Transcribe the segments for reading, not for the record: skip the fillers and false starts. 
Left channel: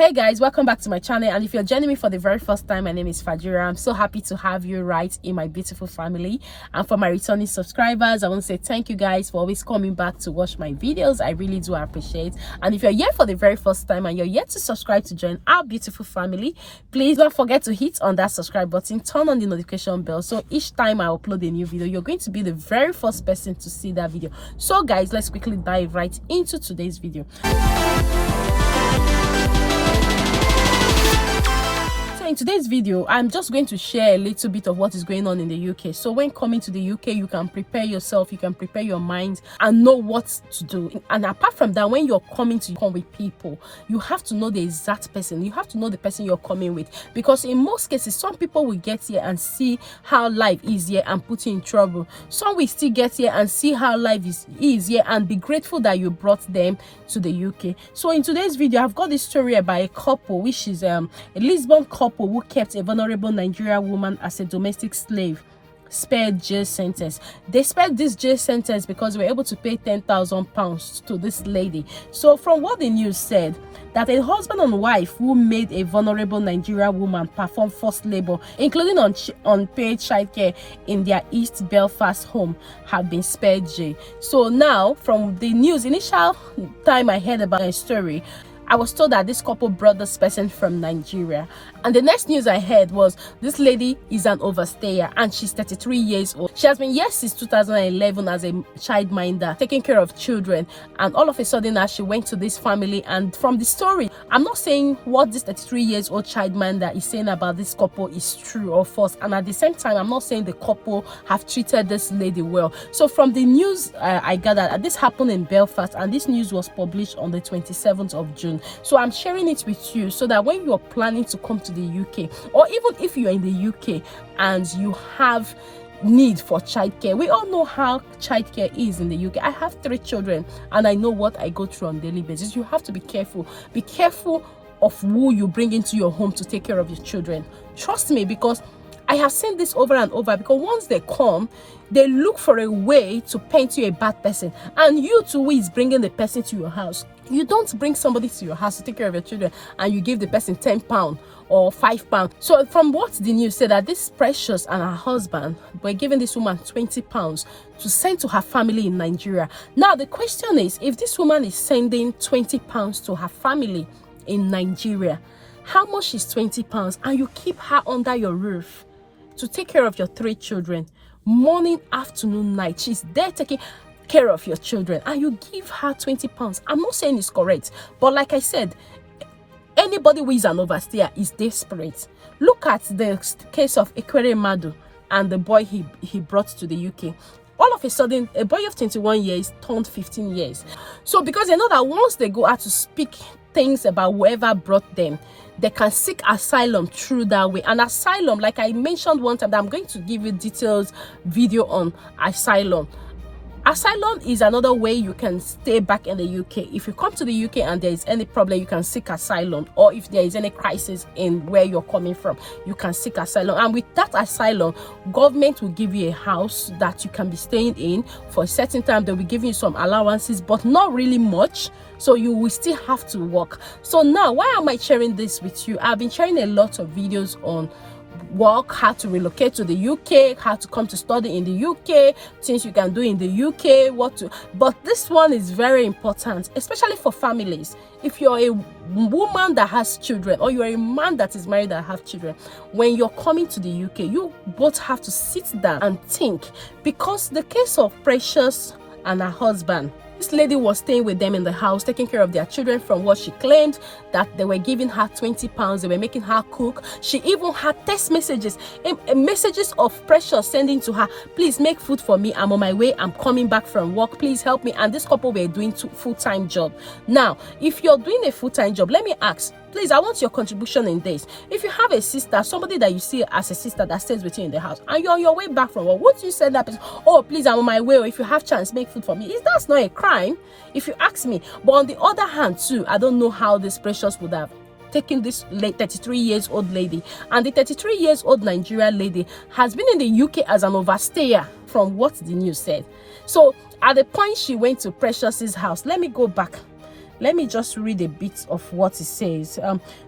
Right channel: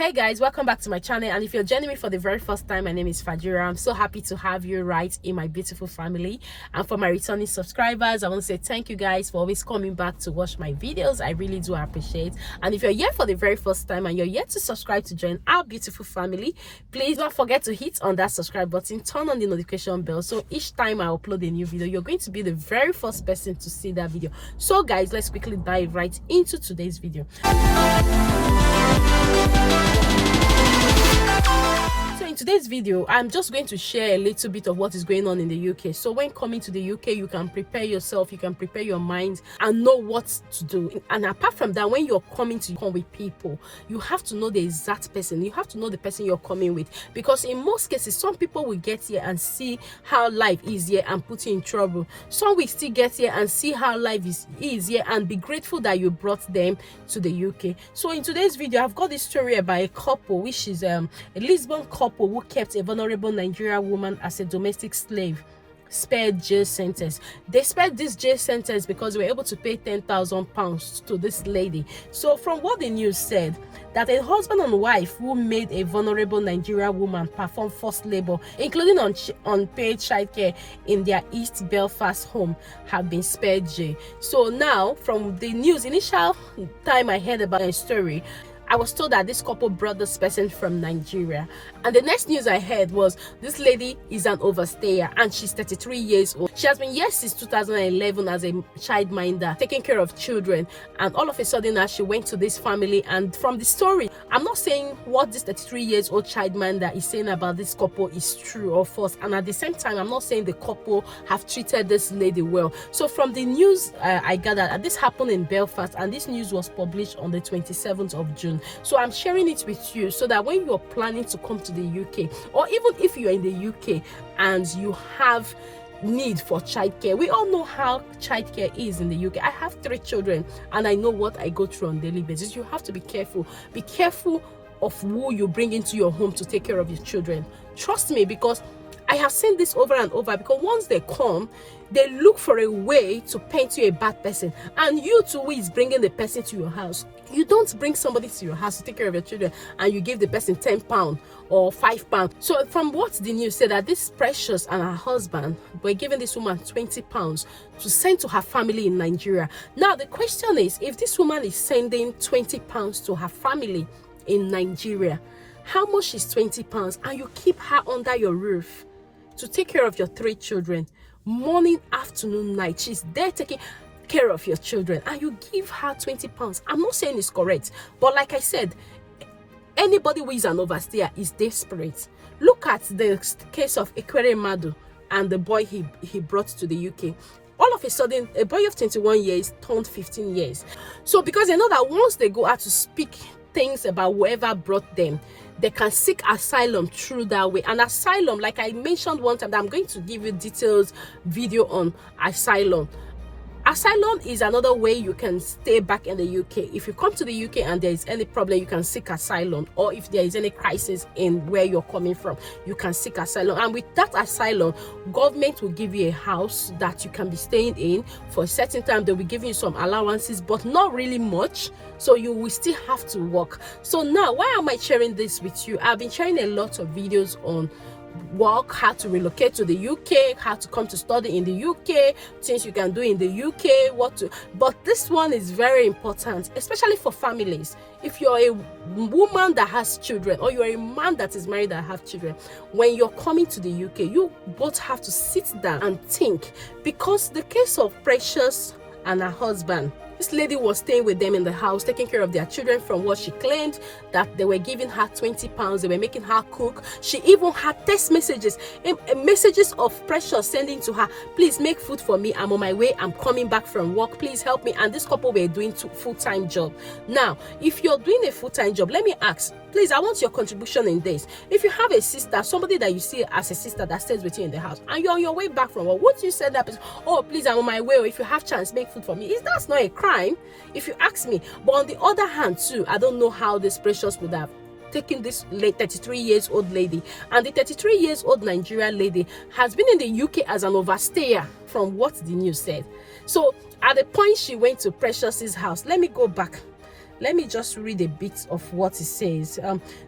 Hey guys, welcome back to my channel, and if you're joining me for the very first time, my name is Fajira. I'm so happy to have you right in my beautiful family. And for my returning subscribers, I want to say thank you guys for always coming back to watch my videos. I really do appreciate. And if you're here for the very first time and you're yet to subscribe to join our beautiful family, please don't forget to hit on that subscribe button, turn on the notification bell, so each time I upload a new video, you're going to be the very first person to see that video. So guys, let's quickly dive right into today's video. In today's video, I'm just going to share a little bit of what is going on in the UK. So when coming to the UK, you can prepare yourself, you can prepare your mind and know what to do. And apart from that, when you're coming to come with people, you have to know the exact person. You have to know the person you're coming with, because in most cases, some people will get here and see how life is here and put you in trouble. Some will still get here and see how life is here and be grateful that you brought them to the UK. So in today's video, I've got this story about a couple, which is a Lisbon couple who kept a vulnerable Nigerian woman as a domestic slave, spared jail sentence. They spared this jail sentence because they were able to pay £10,000 to this lady. So from what the news said, that a husband and wife who made a vulnerable Nigerian woman perform forced labor, including unpaid childcare in their East Belfast home, have been spared jail. So now, from the news, initial time I heard about a story, I was told that this couple brought this person from Nigeria. And the next news I heard was this lady is an overstayer and she's 33 years old. She has been here since 2011 as a childminder, taking care of children. And all of a sudden now she went to this family. And from the story, I'm not saying what this 33 years old childminder is saying about this couple is true or false. And at the same time, I'm not saying the couple have treated this lady well. So from the news I gathered, this happened in Belfast, and this news was published on the 27th of June. So I'm sharing it with you so that when you're planning to come to the UK, or even if you're in the UK and you have need for childcare, we all know how childcare is in the UK. I have 3 children and I know what I go through on a daily basis. You have to be careful. Be careful of who you bring into your home to take care of your children. Trust me, because I have seen this over and over, because once they come, they look for a way to paint you a bad person, and you too who is bringing the person to your house. You don't bring somebody to your house to take care of your children and you give the person £10 or £5. So from what the news said, that this Precious and her husband were giving this woman £20 to send to her family in Nigeria. Now the question is, if this woman is sending £20 to her family in Nigeria, how much is £20? And you keep her under your roof to take care of your 3 children, morning, afternoon, night. She's there taking care of your children, and you give her £20. I'm not saying it's correct, but like I said, anybody who is an overstayer is desperate. Look at the case of Ekwere Madu and the boy he brought to the UK. All of a sudden, a boy of 21 years turned 15 years. So because they know that once they go out to speak things about whoever brought them, they can seek asylum through that way. And asylum, like I mentioned one time, that I'm going to give you details video on asylum. Asylum is another way you can stay back in the UK. If you come to the UK and there is any problem, you can seek asylum. Or if there is any crisis in where you're coming from, you can seek asylum. And with that asylum, government will give you a house that you can be staying in for a certain time. They'll be giving you some allowances, but not really much. So you will still have to work. So now, why am I sharing this with you? I've been sharing a lot of videos on work, how to relocate to the UK, how to come to study in the UK, things you can do in the UK, but this one is very important, especially for families. If you're a woman that has children, or you're a man that is married that have children, when you're coming to the UK, you both have to sit down and think, because the case of Precious and her husband, this lady was staying with them in the house, taking care of their children. From what she claimed, that they were giving her £20, they were making her cook. She even had text messages, messages of Precious sending to her, please make food for me, I'm on my way, I'm coming back from work, please help me. And this couple were doing full-time job. Now, if you're doing a full-time job, let me ask, please, I want your contribution in this. If you have a sister, somebody that you see as a sister that stays with you in the house, and you're on your way back from work, won't you send that person, oh please, I'm on my way, or if you have chance, make food for me? That's not a crime, if you ask me. But on the other hand too, I don't know how this Precious would have taken this late 33 years old lady. And the 33 years old Nigerian lady has been in the UK as an overstayer, from what the news said. So at the point she went to Precious's house, let me go back. Let me just read a bit of what it says.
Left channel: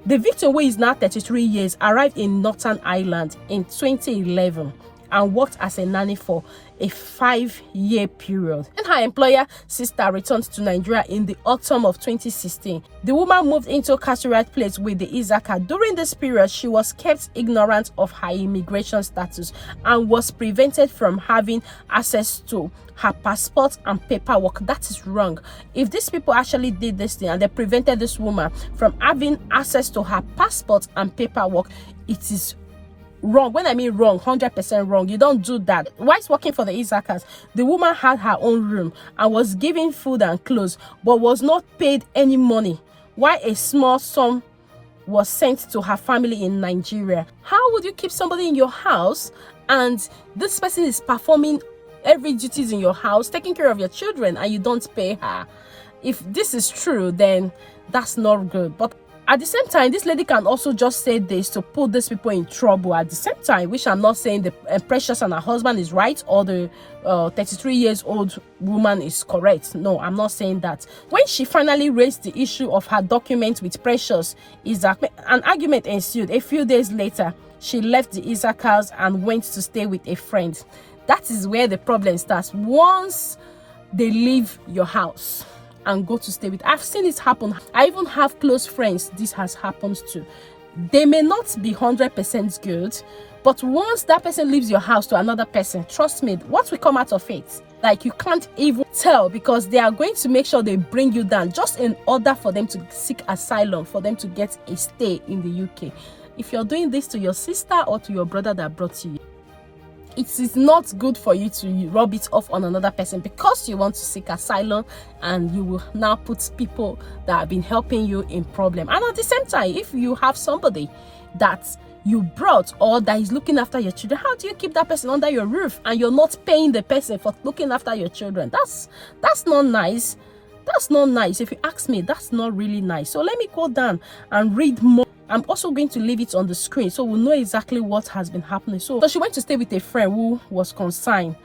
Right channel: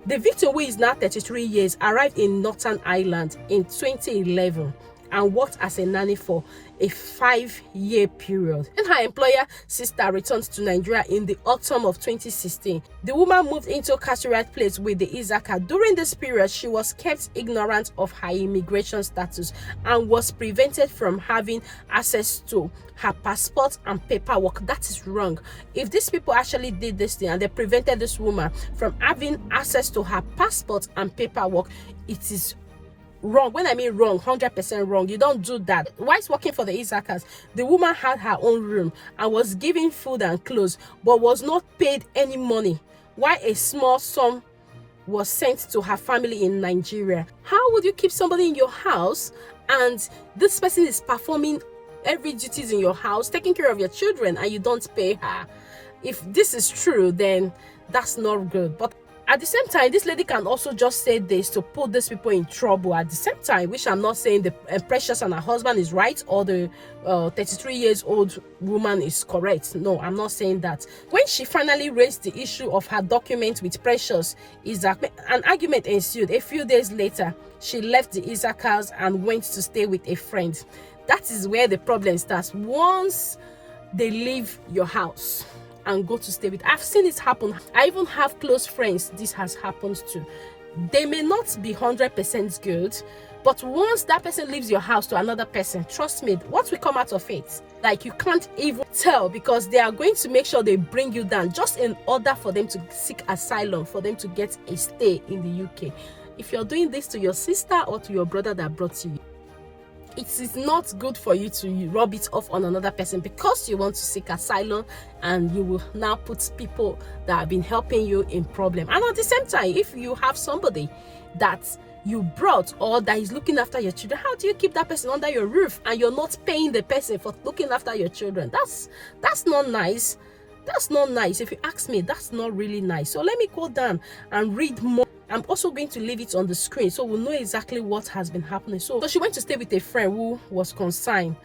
The victim, who is now 33 years, arrived in Northern Ireland in 2011 and worked as a nanny for a 5-year period. When her employer sister returned to Nigeria in the autumn of 2016, the woman moved into a carceral place with the Isaka. During this period, she was kept ignorant of her immigration status and was prevented from having access to her passport and paperwork. That is wrong. If these people actually did this thing and they prevented this woman from having access to her passport and paperwork, it is wrong. When I mean wrong, 100% wrong. You don't do that. Whilst working for the Isakas, the woman had her own room and was given food and clothes, but was not paid any money, while a small sum was sent to her family in Nigeria. How would you keep somebody in your house and this person is performing every duties in your house, taking care of your children, and you don't pay her? If this is true, then that's not good. But at the same time, this lady can also just say this to put these people in trouble at the same time, which I'm not saying the Precious and her husband is right or the 33 years old woman is correct. No, I'm not saying that. When she finally raised the issue of her document with Precious, an argument ensued. A few days later, she left the Isakas and went to stay with a friend. That is where the problem starts. Once they leave your house and go to stay with, I've seen it happen. I even have close friends this has happened to. They may not be 100% good, but once that person leaves your house to another person, trust me, what will come out of it, like, you can't even tell, because they are going to make sure they bring you down just in order for them to seek asylum, for them to get a stay in the UK. If you're doing this to your sister or to your brother that brought you, it is not good for you to rub it off on another person because you want to seek asylum, and you will now put people that have been helping you in problem. And at the same time, if you have somebody that you brought or that is looking after your children, how do you keep that person under your roof and you're not paying the person for looking after your children? That's not nice. That's not nice. If you ask me, that's not really nice. So let me go down and read more. I'm also going to leave it on the screen so we'll know exactly what has been happening. So she went to stay with a friend who was consigned,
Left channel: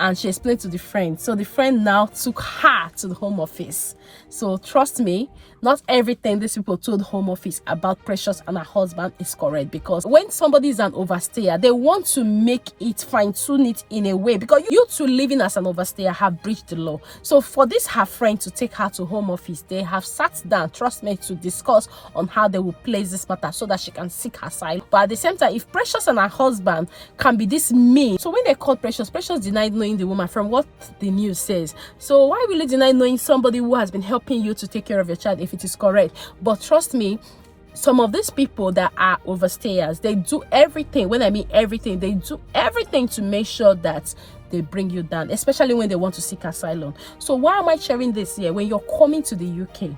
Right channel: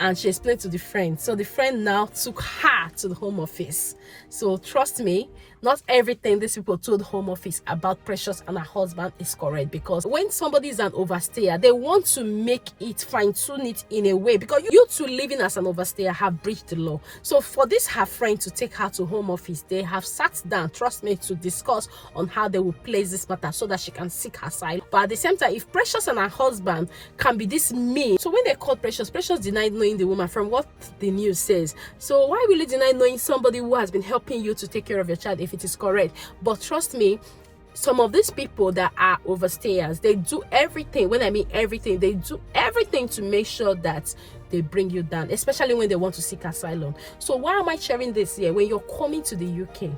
and she explained to the friend. So the friend now took her to the Home Office. So trust me, not everything these people told Home Office about Precious and her husband is correct, because when somebody is an overstayer, they want to make it, fine-tune it in a way, because you two living as an overstayer have breached the law. So for this her friend to take her to Home Office, they have sat down, trust me, to discuss on how they will place this matter so that she can seek her asylum. But at the same time, if Precious and her husband can be this mean, so when they called Precious denied knowing the woman, from what the news says. So why will you deny knowing somebody who has been helping you to take care of your child if it is correct? But trust me, some of these people that are overstayers, they do everything. When I mean everything, they do everything to make sure that they bring you down, especially when they want to seek asylum. So why am I sharing this here? When you're coming to the UK,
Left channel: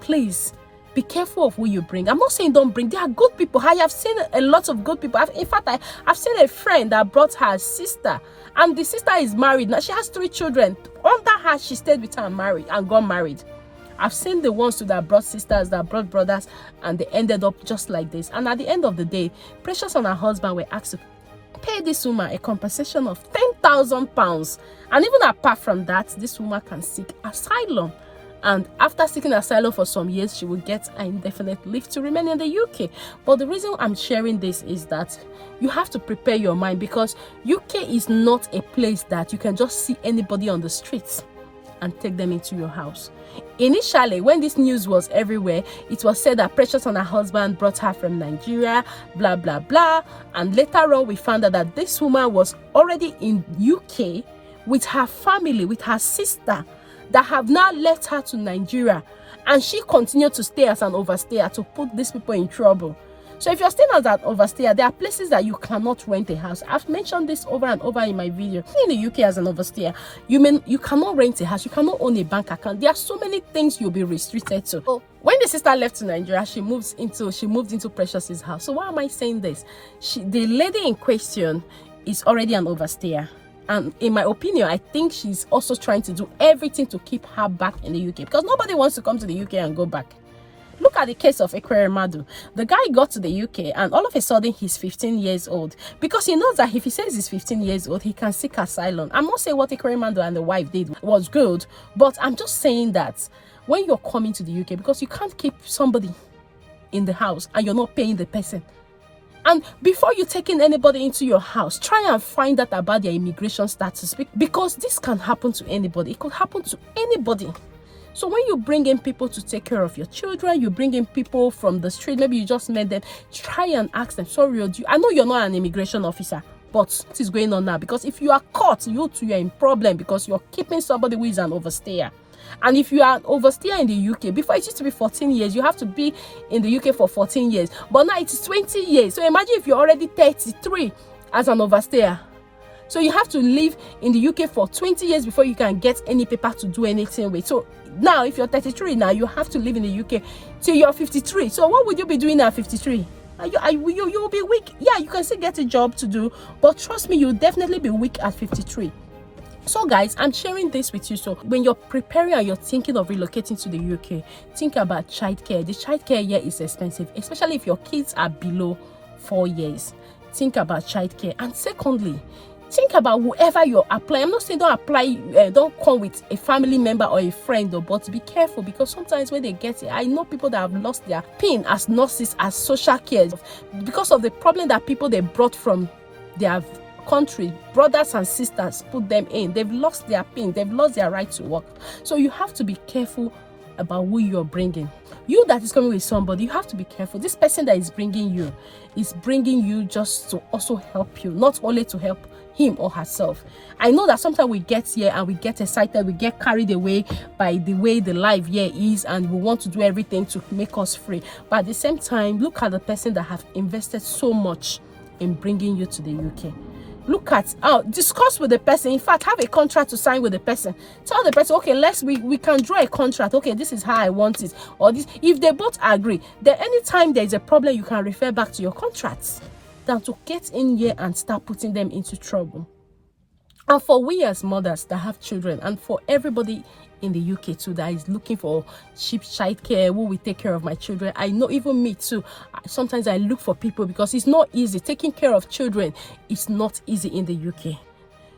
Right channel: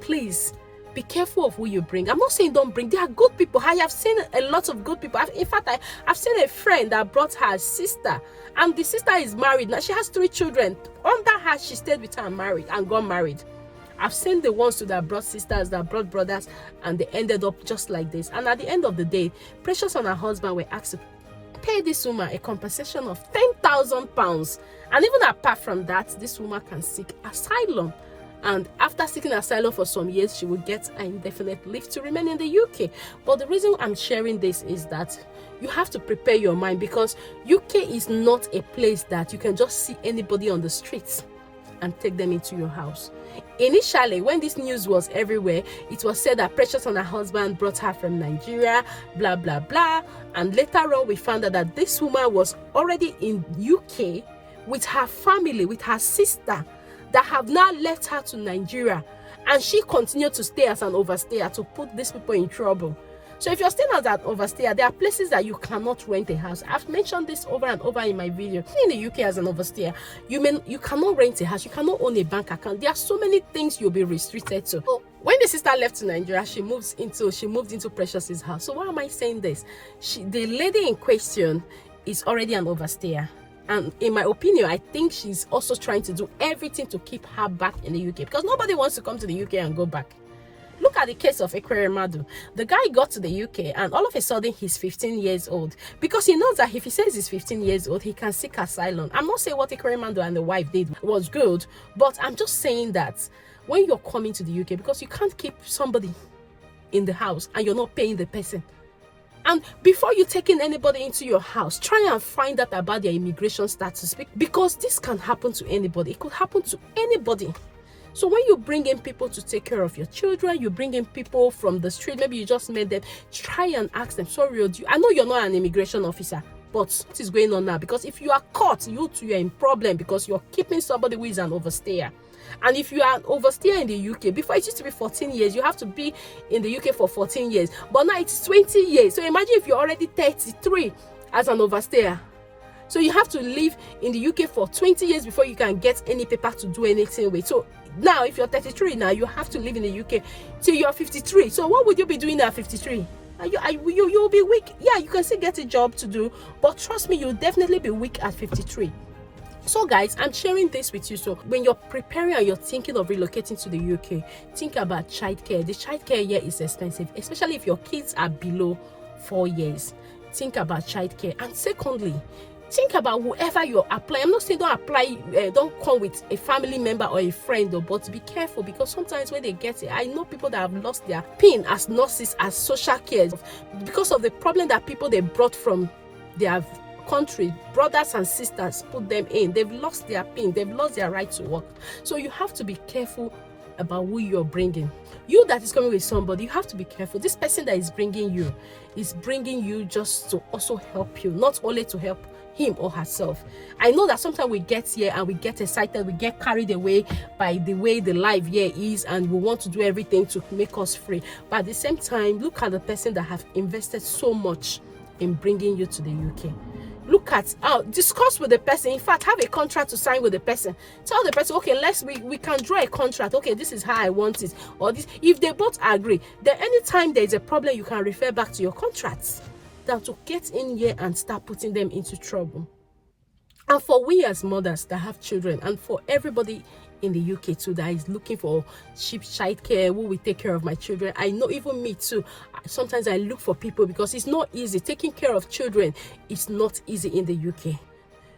please be careful of who you bring. I'm not saying don't bring. There are good people. I have seen a lot of good people. In fact, I've seen a friend that brought her sister, and the sister is married now. She has 3 children. Under her, she stayed with her and got married. I've seen the ones that brought sisters, that brought brothers, and they ended up just like this. And at the end of the day, Precious and her husband were asked to pay this woman a compensation of £10,000. And even apart from that, this woman can seek asylum. And after seeking asylum for some years, she will get an indefinite leave to remain in the UK. But the reason I'm sharing this is that you have to prepare your mind, because UK is not a place that you can just see anybody on the streets and take them into your house. Initially, when this news was everywhere, it was said that Precious and her husband brought her from Nigeria, blah, blah, blah. And later on, we found out that this woman was already in UK with her family, with her sister, that have now left her to Nigeria, and she continued to stay as an overstayer to put these people in trouble. So if you're staying as an overstayer, there are places that you cannot rent a house. I've mentioned this over and over in my video. In the UK as an overstayer, you cannot rent a house, you cannot own a bank account. There are so many things you'll be restricted to. So when the sister left to Nigeria, she moved into Precious's house. So why am I saying this? The lady in question is already an overstayer. And in my opinion, I think she's also trying to do everything to keep her back in the UK, because nobody wants to come to the UK and go back. Look at the case of Ekweremadu. The guy got to the UK and all of a sudden he's 15 years old, because he knows that if he says he's 15 years old, he can seek asylum. I'm not saying what Ekweremadu and the wife did was good, but I'm just saying that when you're coming to the UK, because you can't keep somebody in the house and you're not paying the person. And before you take in anybody into your house, try and find out about their immigration status, because this can happen to anybody. It could happen to anybody. So when you bring in people to take care of your children, you bring in people from the street, maybe you just met them, try and ask them, sorry, I know you're not an immigration officer, but what is going on now? Because if you are caught, you too, you're in problem, because you're keeping somebody who is an overstayer. And if you are an overstayer in the UK, before it used to be 14 years, you have to be in the UK for 14 years. But now it is 20 years. So imagine if you're already 33 as an overstayer. So you have to live in the UK for 20 years before you can get any paper to do anything with. So now, if you're 33 now, you have to live in the UK till you're 53. So what would you be doing at 53? You'll be weak. Yeah, you can still get a job to do, but trust me, you'll definitely be weak at 53. So guys, I'm sharing this with you. So when you're preparing and you're thinking of relocating to the UK, think about childcare. The childcare here is expensive, especially if your kids are below 4 years. Think about childcare. And secondly, think about whoever you're applying. I'm not saying don't apply, don't come with a family member or a friend, but be careful, because sometimes when they get it, I know people that have lost their pin as nurses, as social care, because of the problem that people they brought from their country, brothers and sisters put them in. They've lost their pin, they've lost their right to work. So you have to be careful about who you're bringing. You that is coming with somebody, you have to be careful. This person that is bringing you just to also help you, not only to help him or herself. I know that sometimes we get here and we get excited, we get carried away by the way the life here is, and we want to do everything to make us free. But at the same time, look at the person that have invested so much in bringing you to the UK. Look at discuss with the person. In fact, have a contract to sign with the person. Tell the person, okay, we can draw a contract. Okay, this is how I want it, or this. If they both agree, then anytime there is a problem, you can refer back to your contracts, than to get in here and start putting them into trouble. And for we as mothers that have children, and for everybody in the UK too that is looking for cheap childcare, who will take care of my children. I know, even me too, sometimes I look for people, because it's not easy. Taking care of children is not easy in the UK.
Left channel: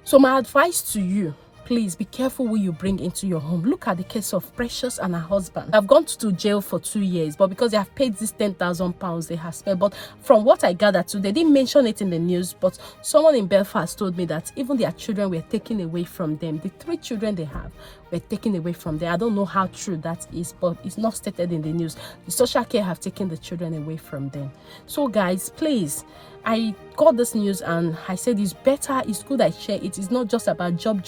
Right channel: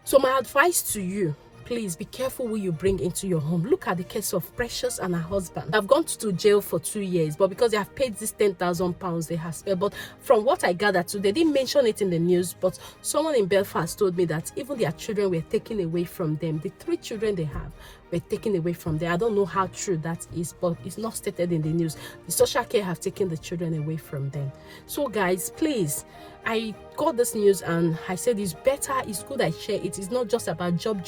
So my advice to you, please be careful who you bring into your home. Look at the case of Precious and her husband. I've gone to jail for 2 years, but because they have paid this £10,000 they have spent. But from what I gathered too, they didn't mention it in the news, but someone in Belfast told me that even their children were taken away from them. The 3 children they have were taken away from them. I don't know how true that is, but it's not stated in the news. The social care have taken the children away from them. So guys, please, I got this news and I said it's better, it's good I share it. It's not just about job,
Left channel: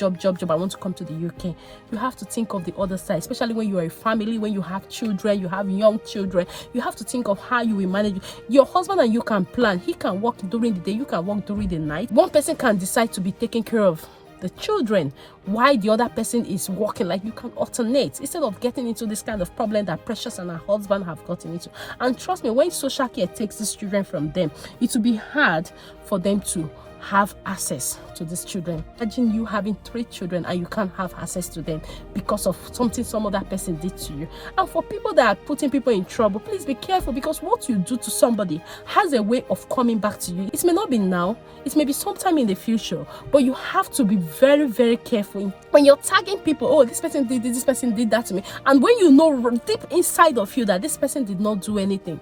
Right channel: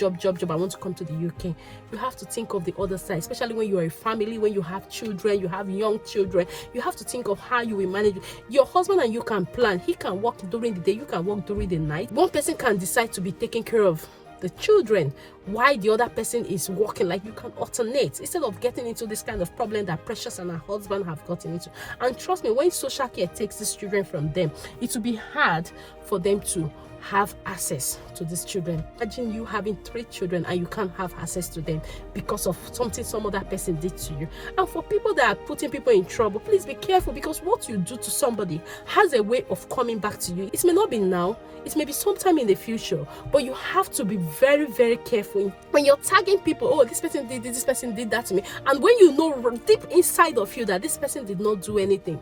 I want to come to the UK. You have to think of the other side, especially when you are a family, when you have children, you have young children. You have to think of how you will manage. Your husband and you can plan. He can work during the day, you can work during the night. One person can decide to be taking care of the children while the other person is working. Like, you can alternate instead of getting into this kind of problem that Precious and her husband have gotten into. And trust me, when social care takes these children from them, it will be hard for them to have access to these children. Imagine you having 3 children and you can't have access to them because of something some other person did to you. And for people that are putting people in trouble, please be careful, because what you do to somebody has a way of coming back to you. It may not be now, it may be sometime in the future, but you have to be very, very careful when you're tagging people. Oh, this person did this, this person did that to me. And when you know deep inside of you that this person did not do anything,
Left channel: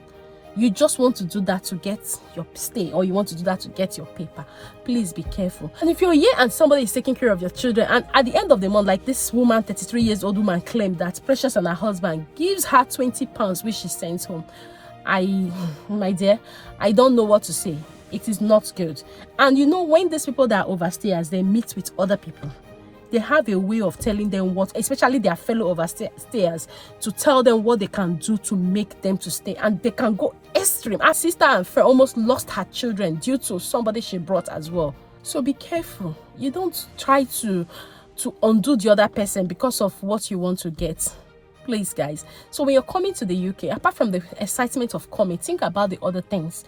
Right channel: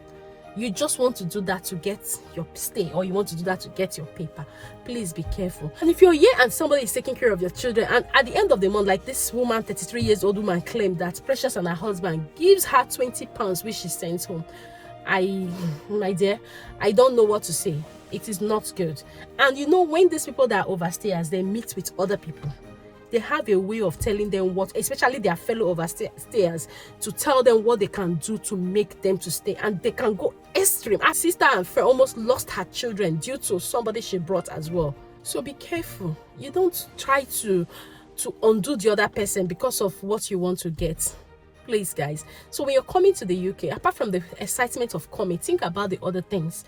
you just want to do that to get your stay, or you want to do that to get your paper, please be careful. And if you're here and somebody is taking care of your children, and at the end of the month, like this woman, 33 years old woman, claimed that Precious and her husband gives her £20 which she sends home, my dear, I don't know what to say. It is not good. And you know, when these people that are overstayers, they meet with other people, they have a way of telling them what, especially their fellow overstayers, to tell them what they can do to make them to stay. And they can go extreme. Our sister and friend almost lost her children due to somebody she brought as well. So be careful. You don't try to undo the other person because of what you want to get. Please, guys. So when you're coming to the UK, apart from the excitement of coming, think about the other things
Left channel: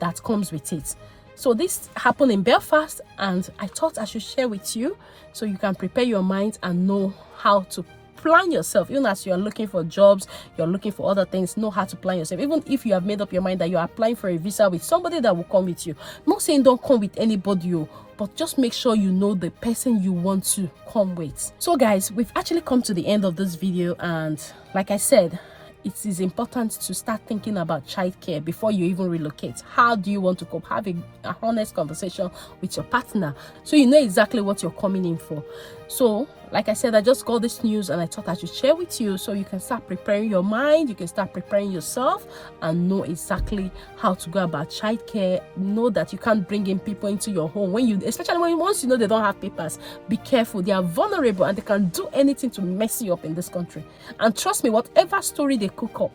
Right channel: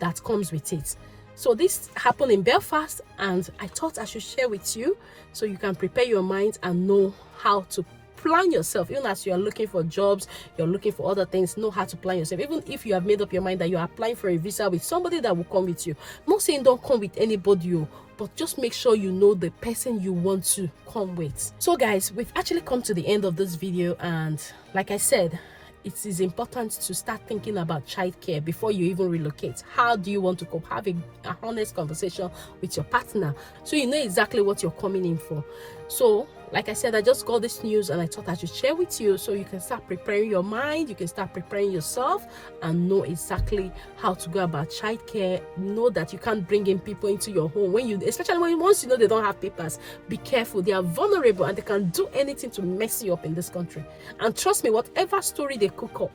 that comes with it. So this happened in Belfast, and I thought I should share with you so you can prepare your mind and know how to plan yourself. Even as you are looking for jobs, you're looking for other things, know how to plan yourself. Even if you have made up your mind that you are applying for a visa with somebody that will come with you, I'm not saying don't come with anybody, but just make sure you know the person you want to come with. So guys, we've actually come to the end of this video, and like I said, it is important to start thinking about childcare before you even relocate. How do you want to cope? Have a honest conversation with your partner so you know exactly what you're coming in for. So like I said, I just got this news and I thought I should share with you so you can start preparing your mind, you can start preparing yourself, and know exactly how to go about childcare. Know that you can't bring in people into your home especially once you know they don't have papers. Be careful, they are vulnerable and they can do anything to mess you up in this country. And trust me, whatever story they cook up,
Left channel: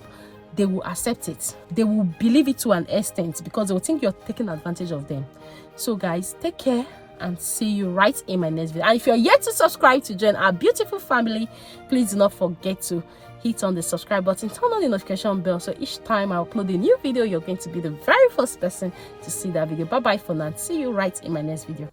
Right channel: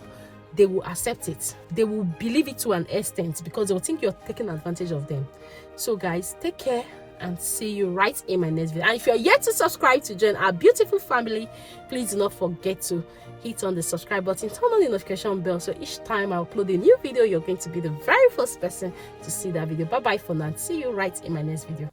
they will accept it. They will believe it to an extent because they will think you're taking advantage of them. So guys, take care and see you right in my next video. And if you're yet to subscribe to join our beautiful family, please do not forget to hit on the subscribe button, turn on the notification bell, so each time I upload a new video, you're going to be the very first person to see that video. Bye bye for now. See you right in my next video.